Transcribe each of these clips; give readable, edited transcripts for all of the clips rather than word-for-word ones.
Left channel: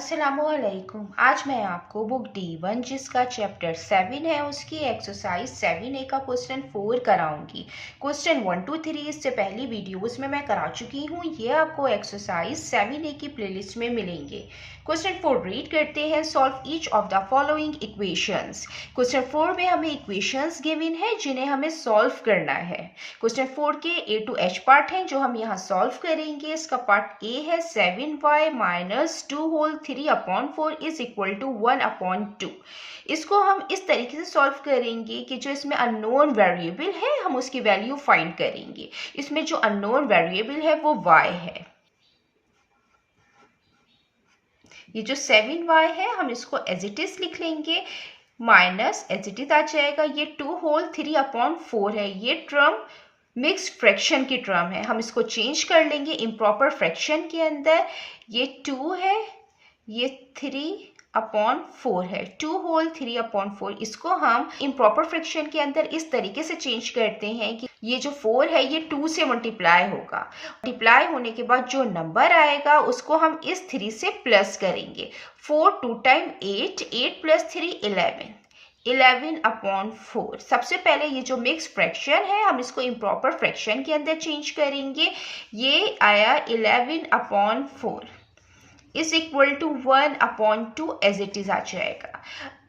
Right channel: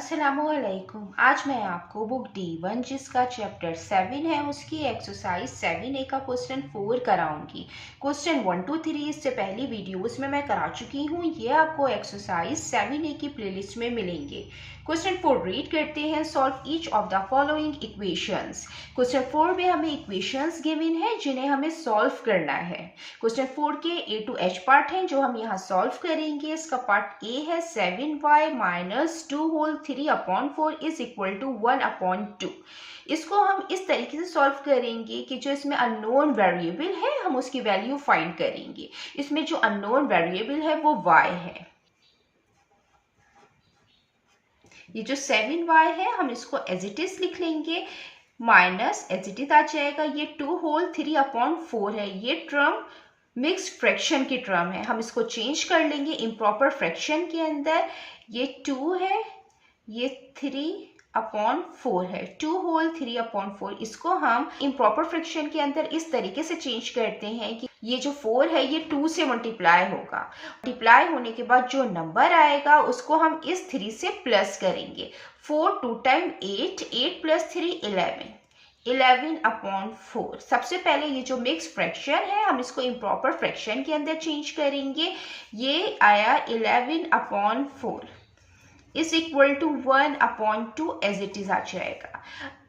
अस्सलामुअलैकुम। आज मैं आपको बुक D1 जिसका चैप्टर 7 है उसकी एक्सरसाइज 7A का क्वेश्चन 4 कराऊंगी। क्वेश्चन 1 2 3 इससे पहली वीडियोस में मैं करा चुकी हूँ, ये आपको एक्सरसाइज 7A की प्लेलिस्ट में मिलेंगे। क्वेश्चन 4 रीड करते हैं। Solve each of the following equations. Question 4 में हमें इक्वेशंस गिवन है जिन्हें हमें सॉल्व करना है। क्वेश्चन 4 के A to H पार्ट हैं जो हम यहाँ सॉल्व करेंगे। इसका पार्ट A है 7y minus 2 whole 3/4 is equal to 1/2। इसको हम इस तरीके से सॉल्व करेंगे कि जो इसमें अननोन वेरिएबल है हम उसकी वैल्यू फाइंड करेंगे। इसमें जो अननोन वेरिएबल है वो y है। ये जो 7y है हम इसको एज इट इज लिख लेंगे, माइनस एज इट इज आ जाएगा। ये 2 होल 3/4 है, ये टर्म मिक्स्ड फ्रैक्शन की टर्म है, हम इसको चेंज कर लेंगे इम्प्रॉपर फ्रैक्शन के अंदर। ये 2 है, ये 3/4 है, 2 होल 3/4। इसको हम इम्प्रॉपर फ्रैक्शन के अंदर इस तरीके से चेंज करते हैं कि ये जो 4 है ये 2 से मल्टीप्लाई होगा। मल्टीप्लाई होने के बाद जो नंबर आएगा उसको हम इस 3 से प्लस करेंगे। 4 2 टाइम 8, 8 प्लस 3 11, 11/4। सबसे पहले ये जो मिक्स फ्रैक्शन है हम इसको इम्प्रॉपर फ्रैक्शन के अंदर चेंज करेंगे। ये आया 11/4 is equal to 1/2 as it is आ जाएगा।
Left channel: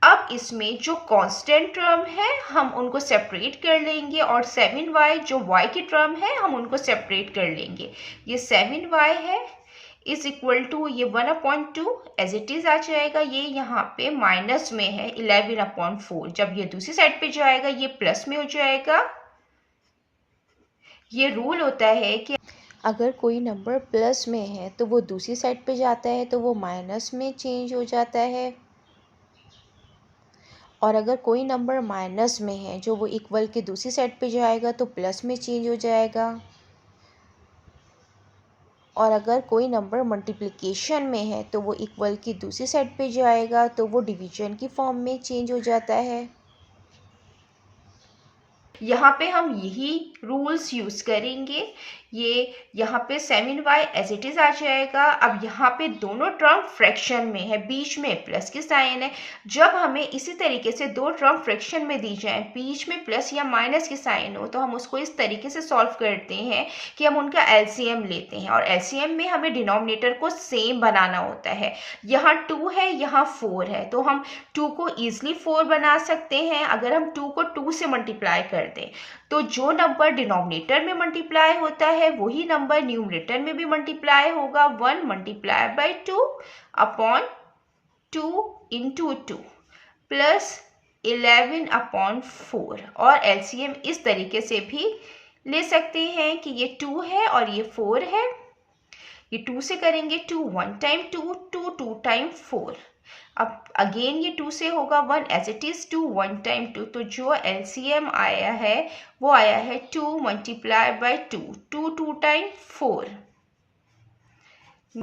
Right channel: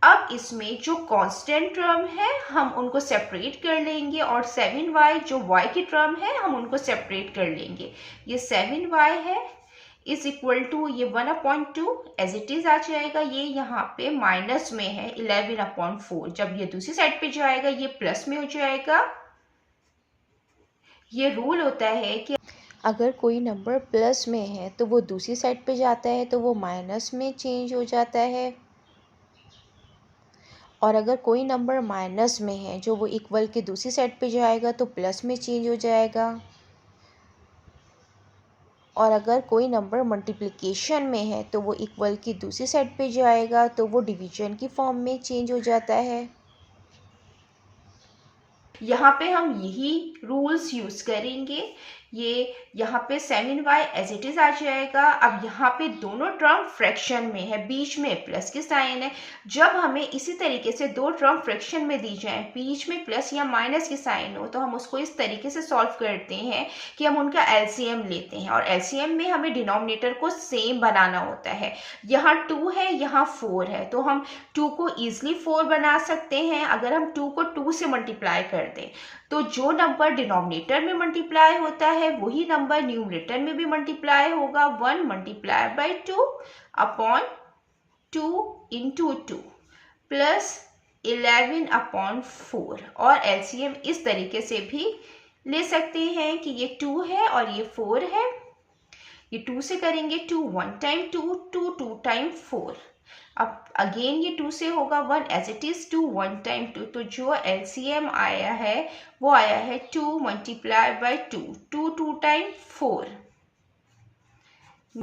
अब इसमें जो कांस्टेंट टर्म है हम उनको सेपरेट कर लेंगे और 7y जो y की टर्म है हम उनको सेपरेट कर लेंगे। ये 7y है इज इक्वल टू ये 1/2 एज इट इज आ जाएगा। ये यहाँ पे माइनस में है 11/4, जब ये दूसरी साइड पे जाएगा ये प्लस में हो जाएगा। ये रूल होता है कि अगर कोई नंबर प्लस में है तो वो दूसरी साइड पे जाता है तो वो माइनस में चेंज हो जाता है, और अगर कोई नंबर माइनस में है जो वो इक्वल के दूसरी साइड पे जाएगा तो प्लस में चेंज हो जाएगा, और अगर कोई नंबर मल्टीप्लिकेशन में है तो वो इक्वल की दूसरी साइड पे जाएगा तो वो डिवीजन की फॉर्म में चेंज हो जाता है। यहाँ पे हम यही रूल्स यूज करेंगे। ये यहाँ पे 7y एज इट इज आ जाएगा। अब यहाँ पे दोनों टर्म फ्रैक्शन में है, बीच में प्लस की साइन है। जब हमें इसी तरीके से दो टर्म फ्रैक्शन में दी जाए, बीच में प्लस या माइनस की साइन हो, तो हम उसको इस तरीके से सॉल्व करते हैं कि हम उनका एलसीएम लेते हैं और एलसीएम में हमें डिनोमिनेटर को सेम बनाना होता है। यहाँ 2 है, यहाँ 4 है, तो हम 2 को ईजिली 4 बना सकते हैं अगर हम 2 को 2 से मल्टीप्लाई कर दें। तो जो नंबर डिनोमिनेटर में मल्टीप्लाई होता है वही नंबर न्यूमरेटर में भी मल्टीप्लाई होगा। 1 मल्टीप्लाई बाई 2/2 इंटू 2 प्लस 11/4। और एलसीएम इस तरीके से भी ले सकते हैं कि ये 2 है और ये 4 है। ये 2 से करेंगे 2, 1 टाइम 2, 2 2 टाइम 4। अब अगेन ये 2 से होगा 1 एज इट इज 2, 1 टाइम 2। तो जो एलसीएम आया है वो आया है 2 मल्टीप्लाई बाई 2, 2 2 टाइम 4।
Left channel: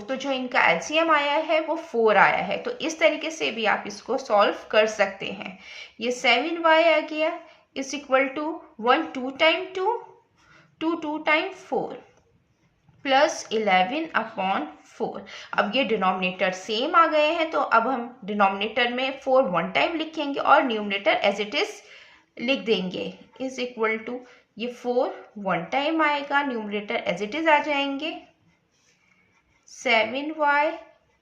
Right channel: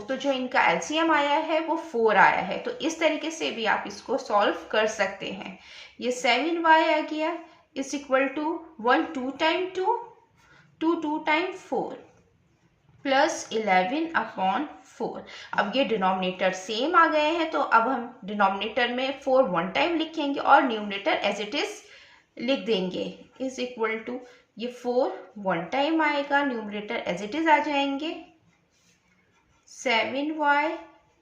तो जो इनका एलसीएम आया है वो 4 आया है। तो इस तरीके से भी आप इसको सॉल्व कर सकते हैं। ये 7y आ गया is equal to 1 2 time 2, 2 2 time 4 plus 11/4। अब ये डिनोमिनेटर सेम आ गए हैं तो अब हम डिनोमिनेटर में 4 1 टाइम लिखेंगे और न्यूमरेटर एज इट इज लिख देंगे इज इक्वल टू ये 4 1 टाइम आएगा, न्यूमरेटर एज इट इज आ जाएंगे। 7y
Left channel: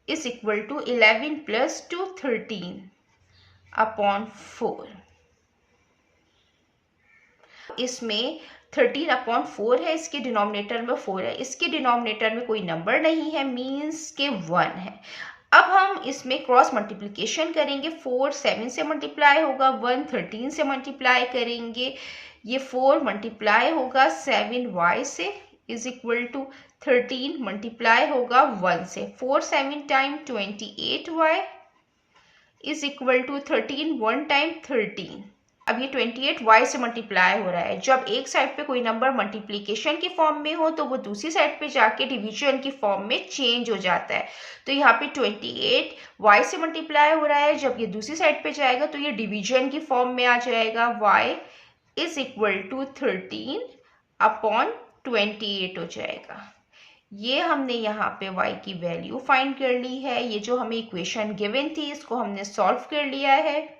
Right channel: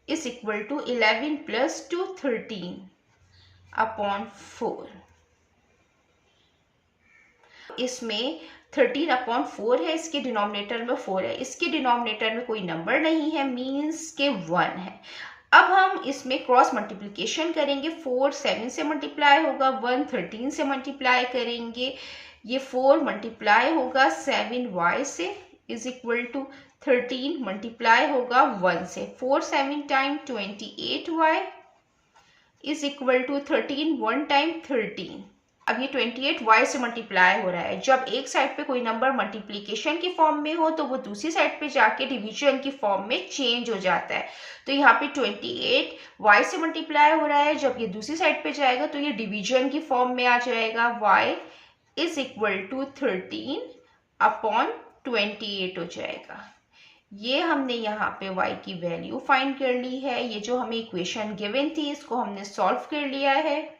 is equal to 11 plus 2 13/4। इसमें 13/4 है, इसके डिनोमिनेटर में 4 है, इसके डिनोमिनेटर में कोई नंबर नहीं है, मीन्स के 1 है। अब हम इसमें क्रॉस मल्टीप्लिकेशन करेंगे। 4 7 से मल्टीप्लाई होगा, 1 13 से मल्टीप्लाई करेंगे। ये 4 मल्टीप्लाई होगा 7y से इज इक्वल टू 13 मल्टीप्लाई होगा 1 से। 4 7 time 28y is equal to 13 1 time 13। अब ये 28y से मल्टीप्लाई हो रहा है। जब एक साइड पे कोई नंबर मल्टीप्लिकेशन की फॉर्म में हो तो वो दूसरी साइड पे जाके डिवीजन की फॉर्म में चेंज हो जाता है। तो यहाँ पे 28y से मल्टीप्लाई हो रहा है, जब ये दूसरी साइड पे जाएगा तो ये डिवीजन की फॉर्म में आ जाएगा। y इज इक्वल टू 13/28 हो जाएगा। ये हमने यहाँ पे y की वैल्यू फाइंड कर ली है। ये जो हमें इक्वेशन गिवन थी इसको हमने सॉल्व कर लिया है।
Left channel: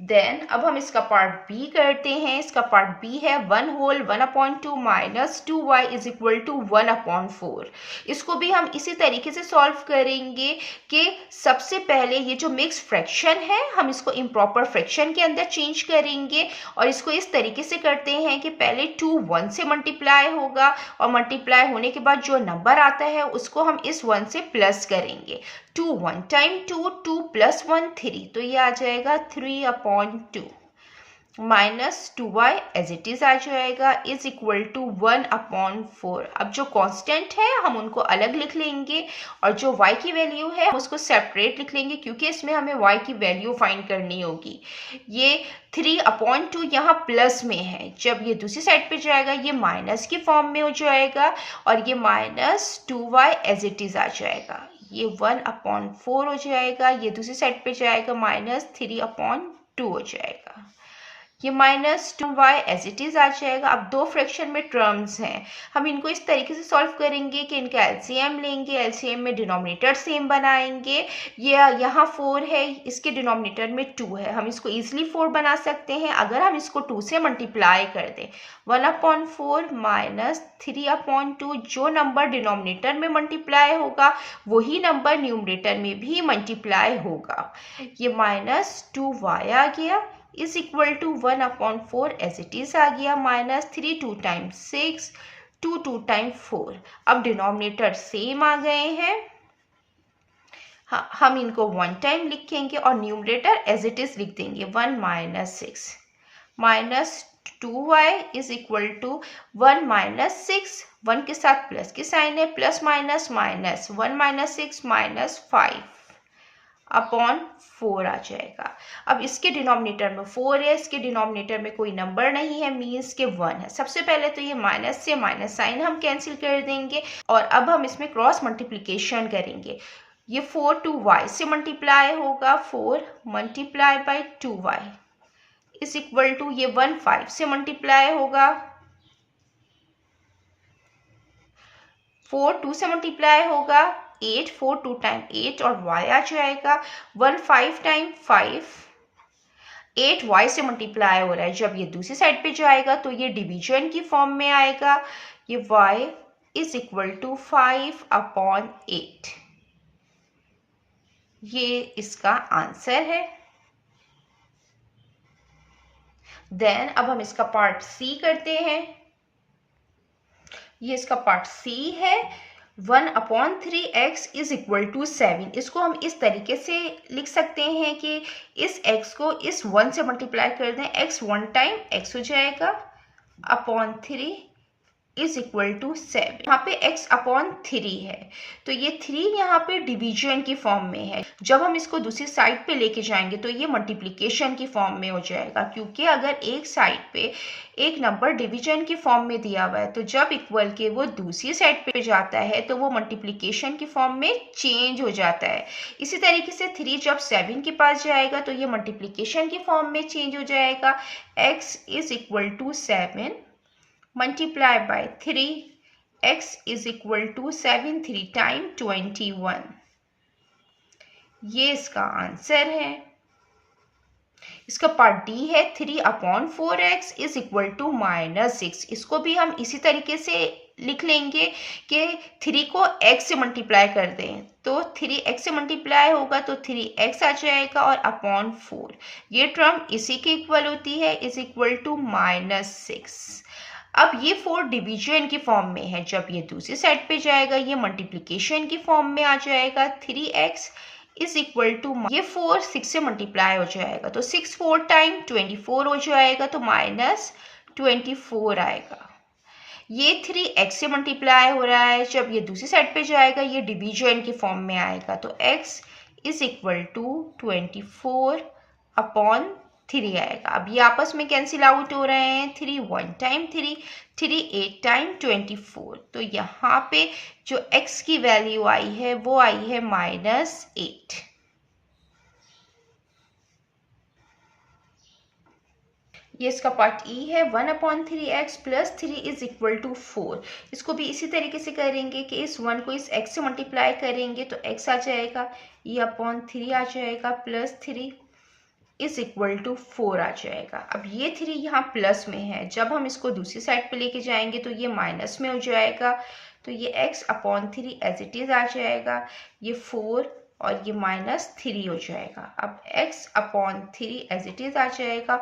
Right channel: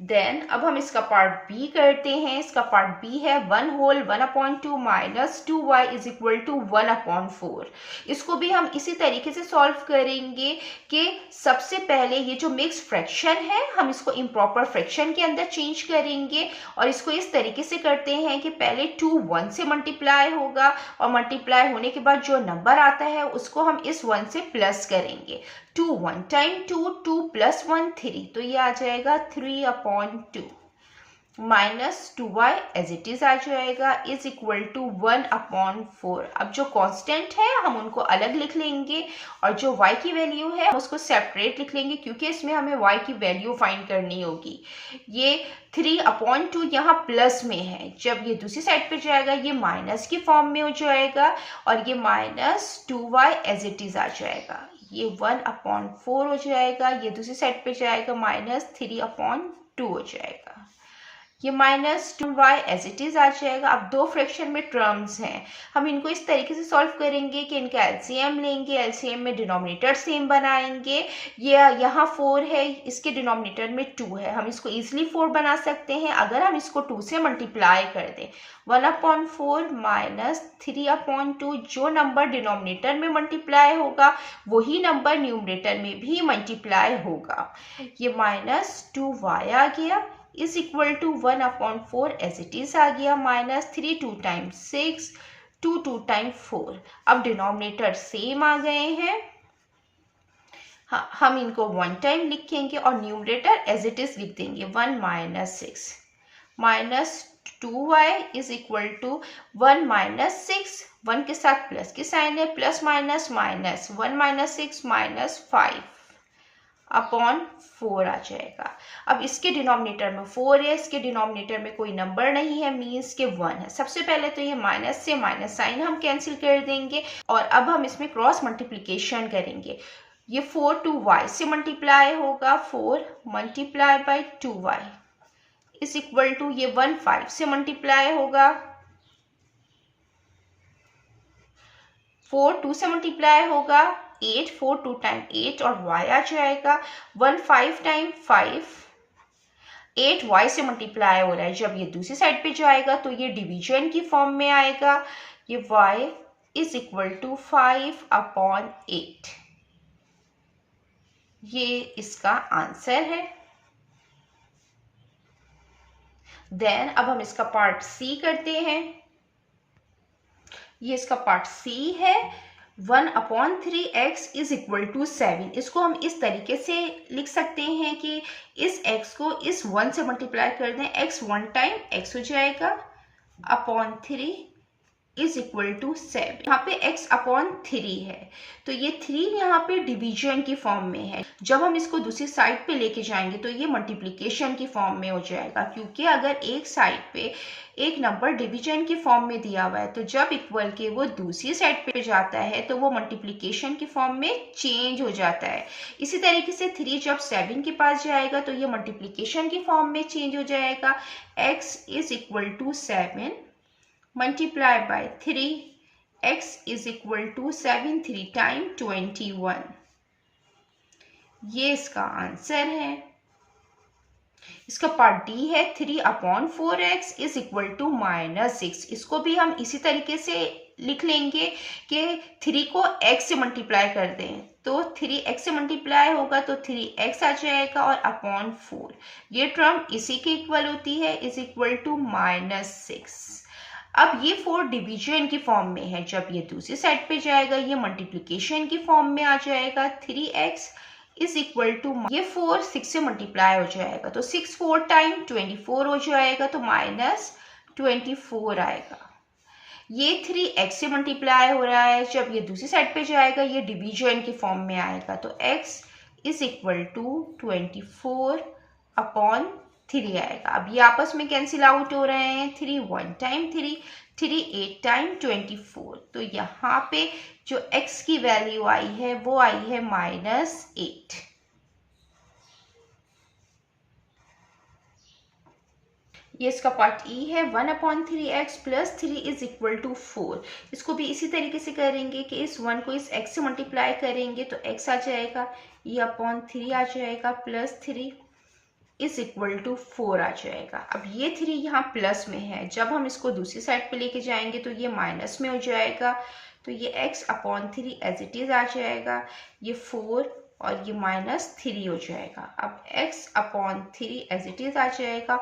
देन अब हम इसका पार्ट बी करते हैं। इसका पार्ट बी है 1 whole 1/2 minus 2y is equal to 1/4। इसको भी हम इसी तरीके से सॉल्व करेंगे कि सबसे पहले ये जो मिक्स फ्रैक्शन है हम इसको इम्प्रॉपर फ्रैक्शन के अंदर चेंज करेंगे और इसको इस तरीके से करते हैं कि पहले 2 1 से मल्टीप्लाई होगा और मल्टीप्लाई होने के बाद जो नंबर आता है उसको हम इस 1 से प्लस करेंगे। 2 1 टाइम 2 2 प्लस 1 3, तो ये आ जाएगा 3/2 minus 2y as it is आ जाएगा इज इक्वल टू 1/4। अब जो कांस्टेंट है हम उनको अलग लिख लेंगे और जो y की वैल्यू है हम उसको सेपरेट लिख लेंगे क्योंकि इसमें हमें y की वैल्यू फाइंड करनी होगी। ये 3/2 यहाँ प्लस में है, जब ये दूसरी साइड पे जाएगा ये माइनस की फॉर्म में हो जाएगा और ये minus 2y as it is आ जाएगा। ये 1/4 हो जाएगा, ये दूसरी साइड पे जाएगा माइनस 3/2 हो जाएगा। ये minus 2y as it is आ जाएगा। अब दो फ्रैक्शन में टर्म्स हैं, हम इनको इस तरीके से सॉल्व करेंगे कि इनका एलसीएम लेंगे, एलसीएम में डिनोमिनेटर सेम बनाएंगे। ये यहाँ 4 है, इसके डिनोमिनेटर में 2 है, हम इसको इजीली 4 बना सकते हैं अगर हम इसको 2 से मल्टीप्लाई कर दें। 1/4 माइनस 3/2, जो नंबर डिनोमिनेटर में मल्टीप्लाई होगा वही नंबर न्यूमरेटर में भी मल्टीप्लाई होगा। ये माइनस 2y आ गया is equal to 1/4 as it is आ गया, माइनस 3 2 टाइम्स 6 2 2 टाइम्स 4। अब डिनोमिनेटर सेम आ गए हैं, हम इनको 1 टाइम लिखेंगे और न्यूमरेटर एज इट इज लिख देंगे 1 minus 6 minus 2y is equal to 1 minus 6, 1 के साथ प्लस की साइन है, plus minus minus 1 minus 6 minus 5/4 आ जाएगा। अब इसके डिनोमिनेटर में 4 है, इसके डिनोमिनेटर में कोई नंबर नहीं है, मीन्स के 1 है। सबसे पहले तो ये माइनस से माइनस साइन हम कैंसिल कर देंगे और अब हम इसमें क्रॉस मल्टीप्लिकेशन करेंगे। ये 4 2y से मल्टीप्लाई होगा, 4 multiply by 2y is equal to ये 1 5 से मल्टीप्लाई होगा, 4 2 से मल्टीप्लाई होगा 8, 4 2 टाइम 8 और y आ जाएगा 1 5 टाइम 5, 8y से मल्टीप्लाई हो रहा है। जब ये दूसरी साइड पे जाएगा तो ये डिवीजन की फॉर्म में आएगा, ये y इज इक्वल टू 5/8। ये इसका आंसर है। देन अब हम इसका पार्ट सी करते हैं। ये इसका पार्ट सी है, 1/3x इज इक्वल टू 7। इसको हम इस तरीके से लिख सकते हैं कि इस x को इस 1 से मल्टीप्लाई कर दें, x 1 टाइम x हो जाएगा अपॉन 3 इज इक्वल टू 7। यहाँ पे x/3 है तो ये 3 यहाँ पे डिवीजन की फॉर्म में है। जब हम इसको दूसरी साइड पे लेके जाएंगे तो ये मल्टीप्लिकेशन की फॉर्म में हो जाएगा, क्योंकि अगर एक साइड पे एक नंबर डिवीजन की फॉर्म में दिया हुआ है तो जब इक्वल के वो दूसरी साइड पे जाता है तो वो मल्टीप्लिकेशन की फॉर्म में चेंज हो जाता है। इसी तरीके से 3 जब 7 के पास जाएगा तो ये मल्टीप्लिकेशन की फॉर्म में चेंज हो जाएगा। x is equal to 7 multiply by 3, x is equal to 7 3 time 21। ये इसका आंसर है। इसका पार्ट डी है 3/4x इज इक्वल टू -6। इसको भी हम इसी तरीके से लिख लेंगे कि 3 को x से मल्टीप्लाई कर दें तो 3x से मल्टीप्लाई होगा तो 3x आ जाएगा और /4 ये टर्म इसी के इक्वल होती है, इज इक्वल टू -6। अब ये 4 डिवीजन की फॉर्म में है, जब ये दूसरी साइड पे जाएगा ये मल्टीप्लिकेशन की फॉर्म में आ जाएगा। 3x इज इक्वल टू ये 4 6 से मल्टीप्लाई हो जाएगा तो 6 4 टाइम 24 हो जाएगा तो -24 आएगा। ये 3x से मल्टीप्लाई हो रहा है, जब ये दूसरी साइड पे जाएगा ये डिवीजन की फॉर्म में आएगा तो x इज इक्वल टू 24/3 आएगा। अब ये आपस में कैंसिल आउट हो रहे हैं, 3 1 टाइम 3 3 8 टाइम 24, तो यहाँ पे जो x की वैल्यू आई है वो आई है -8। ये इसका पार्ट ई है। 1/3x plus 3 is equal to 4। इसको भी इसी तरीके से करेंगे कि इस 1 को इस x से मल्टीप्लाई करेंगे तो x आ जाएगा, e/3 आ जाएगा, प्लस 3 इज इक्वल टू 4 आ जाएगा। अब ये 3 यहाँ प्लस में है, जब हम इसको दूसरी साइड पे लेके जाएंगे तो ये माइनस में हो जाएगा, तो ये x/3 एज इट इज आ जाएगा, ये 4 और ये -3 हो जाएगा। अब x/3 एज इट इज आ जाएगा,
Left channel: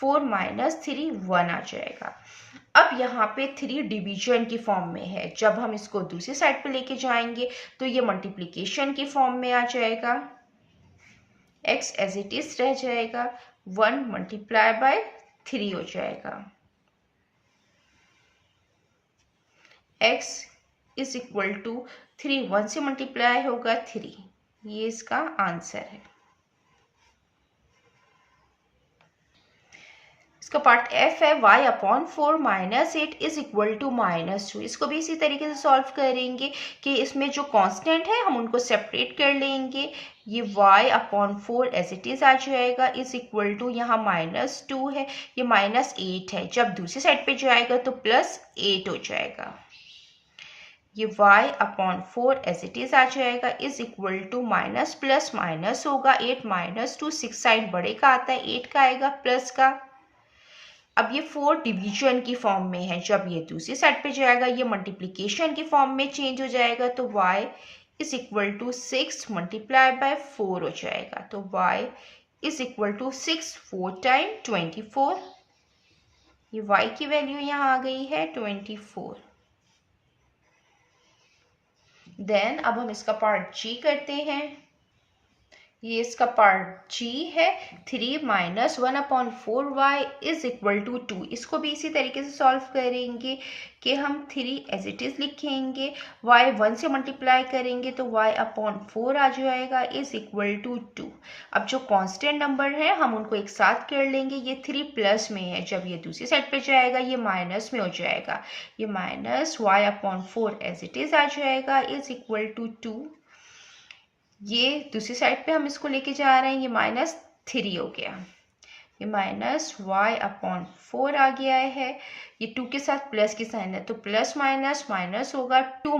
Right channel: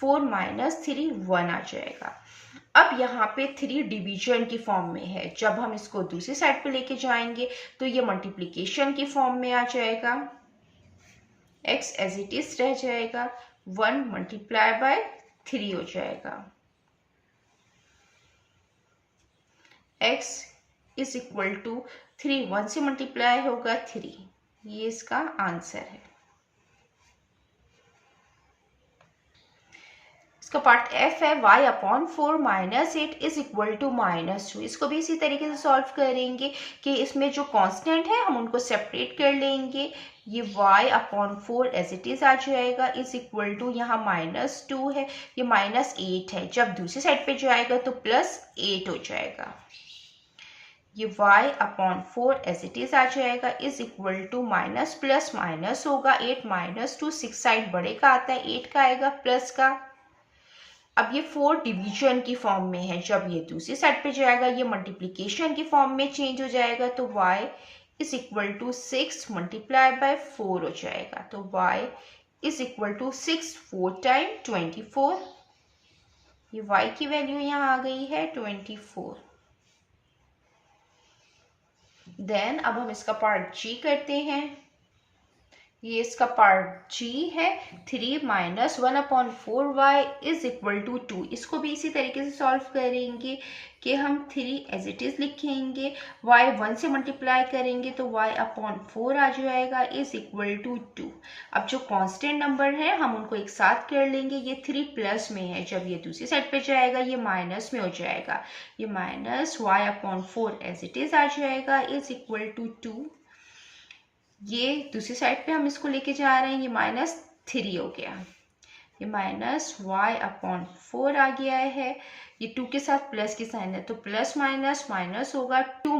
4 - 3 1 आ जाएगा। अब यहाँ पे 3 डिवीजन की फॉर्म में है, जब हम इसको दूसरी साइड पे लेके जाएंगे तो ये मल्टीप्लिकेशन की फॉर्म में आ जाएगा, x एज इट इज रह जाएगा, 1 × 3 हो जाएगा, x इज इक्वल टू 3, 1 से मल्टीप्लाई होगा 3, ये इसका आंसर है। इसका पार्ट एफ है, y/4 - 8 इज इक्वल टू -2। इसको भी इसी तरीके से सॉल्व करेंगे कि इसमें जो कांस्टेंट है हम उनको सेपरेट कर लेंगे। ये y/4 एज इट इज आ जाएगा, इज इक्वल टू यहाँ -2 है, ये -8 है, जब दूसरी साइड पे जाएगा तो +8 हो जाएगा। ये y/4 एज इट इज आ जाएगा, is equal to minus plus minus होगा, 8 - 2 6 साइड बड़े का आता है, 8 का आएगा प्लस का। अब ये 4 डिवीजन की फॉर्म में है, जब ये दूसरी साइड पे जाएगा ये मल्टीप्लिकेशन की फॉर्म में चेंज हो जाएगा, तो y इज इक्वल टू 6 × 4 हो जाएगा, तो y is equal to 6 4 time 24। ये y की वैल्यू यहाँ आ गई है 24। देन अब हम इसका पार्ट जी करते हैं। ये इसका पार्ट जी है, 3 - 1/4y इज इक्वल टू 2। इसको भी इसी तरीके से सॉल्व करेंगे कि हम 3 एज इट इज लिखेंगे, y 1 से मल्टीप्लाई करेंगे तो y/4 आ जाएगा, इज इक्वल टू 2। अब जो कांस्टेंट नंबर है हम उनको एक साथ कर लेंगे, ये 3 प्लस में है, जब ये दूसरी साइड पे जाएगा ये माइनस में हो जाएगा, ये -y/4 एज इट इज आ जाएगा, इज इक्वल टू 2। ये दूसरी साइड पे हम इसको लेके जा रहे हैं, ये -3 हो गया, ये -y/4 आ गया है, ये 2 के साथ प्लस की साइन है तो प्लस माइनस माइनस होगा, 2 -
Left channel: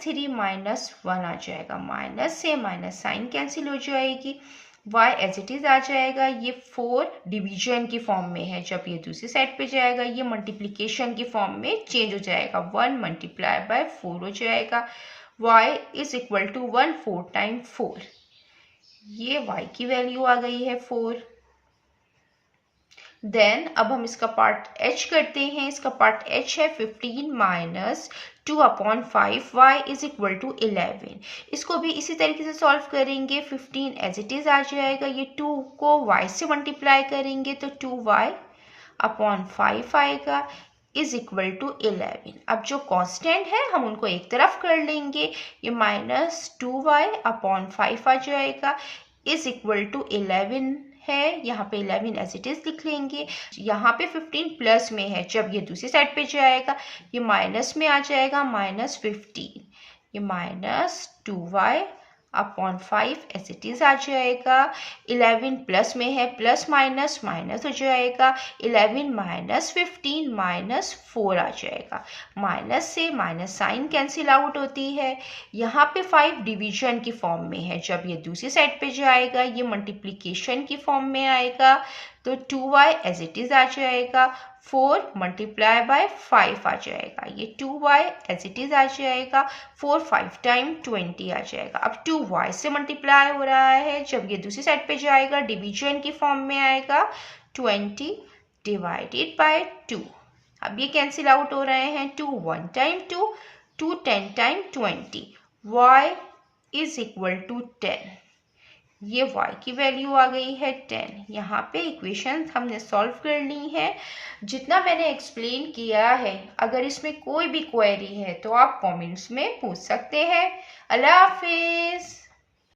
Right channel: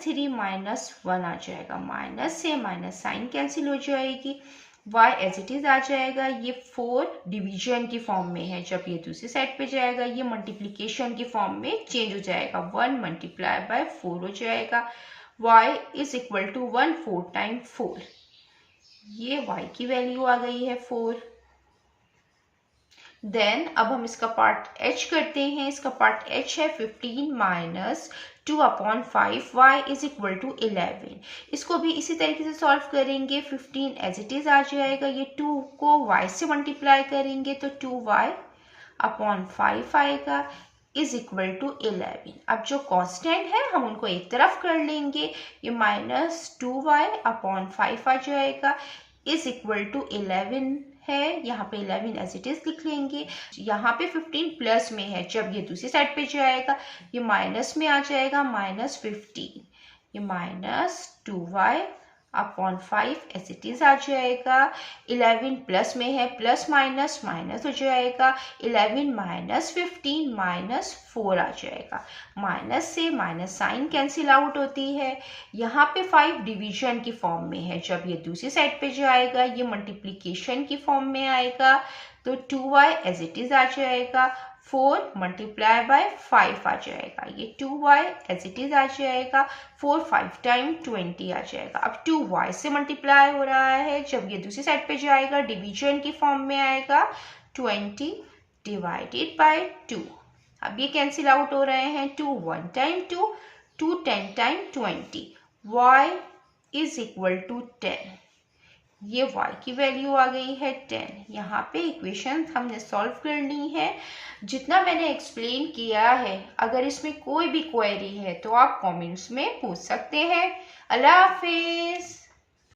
3 -1 आ जाएगा, माइनस से माइनस साइन कैंसिल हो जाएगी, y एज इट इज आ जाएगा। ये 4 डिवीजन की फॉर्म में है, जब ये दूसरी साइड पे जाएगा ये मल्टीप्लिकेशन की फॉर्म में चेंज हो जाएगा, 1 × 4 हो जाएगा, y is equal to 1 4 time 4। ये y की वैल्यू आ गई है 4। देन अब हम इसका पार्ट h करते हैं। इसका पार्ट h है 15 - 2/5 y इज इक्वल टू 11। इसको भी इसी तरीके से सॉल्व करेंगे, 15 एज इट इज आ जाएगा, ये 2 को y से मल्टीप्लाई करेंगे तो 2y/5 आएगा, इज इक्वल टू 11। अब जो कांस्टेंट है हम उनको एक तरफ कर लेंगे, ये -2y/5 आ जाएगा, इज इक्वल टू 11 है, यहाँ पे 11 एज इट इज लिख लेंगे। यहाँ पे 15 प्लस में है, जब ये दूसरी साइड पे जाएगा ये माइनस में आ जाएगा, -15, ये -2y/5 एज इट इज आ जाएगा। 11 प्लस में है, प्लस माइनस माइनस हो जाएगा, 11 - 15 -4 आ जाएगा, माइनस से माइनस साइन कैंसिल आउट होती है। यहाँ पे 5 डिवीजन की फॉर्म में है, जब ये दूसरी साइड पे जाएगा ये मल्टीप्लिकेशन की फॉर्म में आएगा, तो 2y एज इट इज आ जाएगा, 4 × 5 आ जाएगा, ये 2y एज इट इज आ जाएगा, 4 5 टाइम 20 आ जाएगा। अब 2y से मल्टीप्लाई हो रहा है, जब ये दूसरी साइड पे जाएगा डिवीजन की फॉर्म में आएगा, 20 ÷ 2। अब ये कैंसिल आउट हो रहे हैं, 2 1 time 2, 2 10 time 20, y is equal to 10। ये y की वैल्यू आ गई है 10। यहाँ पे इक्वेशन हमने सॉल्व कर ली है। जितना मैंने एक्सप्लेन किया है, अगर इसमें कोई भी क्वेरी है तो आप कमेंट्स में पूछ सकते हैं। अल्लाह हाफिज़।